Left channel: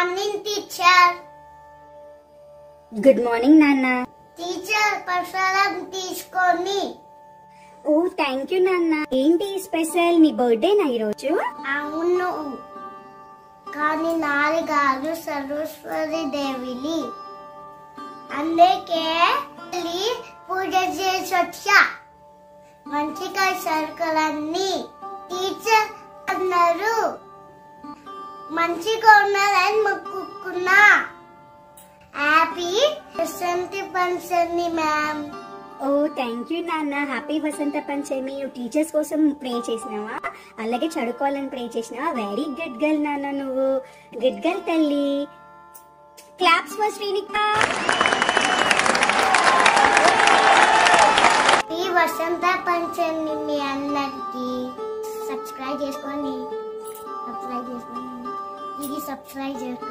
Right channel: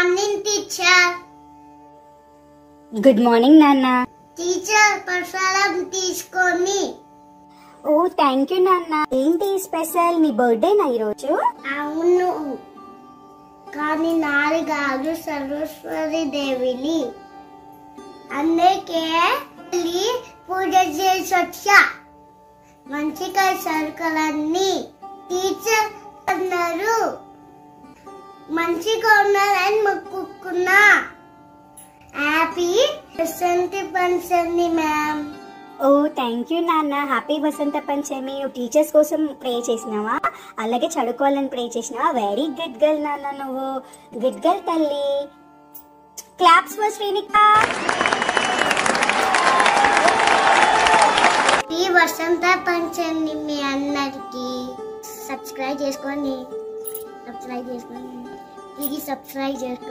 Morning, teacher. Good morning నాన్న. Teacher ప్రసాదం తీసుకోండి. ఓ థ్యాంక్ యూ నాన్న. ఏంటి స్పెషల్? నీ బర్త్డే నా ఈరోజు? అవును, కానీ నాది కాదు, సరస్వతి దేవిని. అందుకే పూజ చేసి వచ్చా. మంచిగా సరుకులన్నీ టీచర్ అన్నారు, మంచిగా ఉన్నారని మొక్కుకున్నా. Happy Vasant Panchami ma'am. Oh thank you నాన్న. హ్యాపీ వసంత పంచమి. నువ్వు టీచర్స్ కోసం ప్రే చేసినావా? అలాగే చదువుకోవాలని ప్రే చేసినావా? వెరీ గుడ్ గర్ల్ నాన్న, నువ్వు గుడ్ గర్ల్ తల్లి. Claps for Srinika. ఈ వసంత పంచమి మీ అందరికి సబ్స్క్రైబ్ చేసుకోండి. ప్లీజ్ సబ్స్క్రైబ్ చేసుకోండి.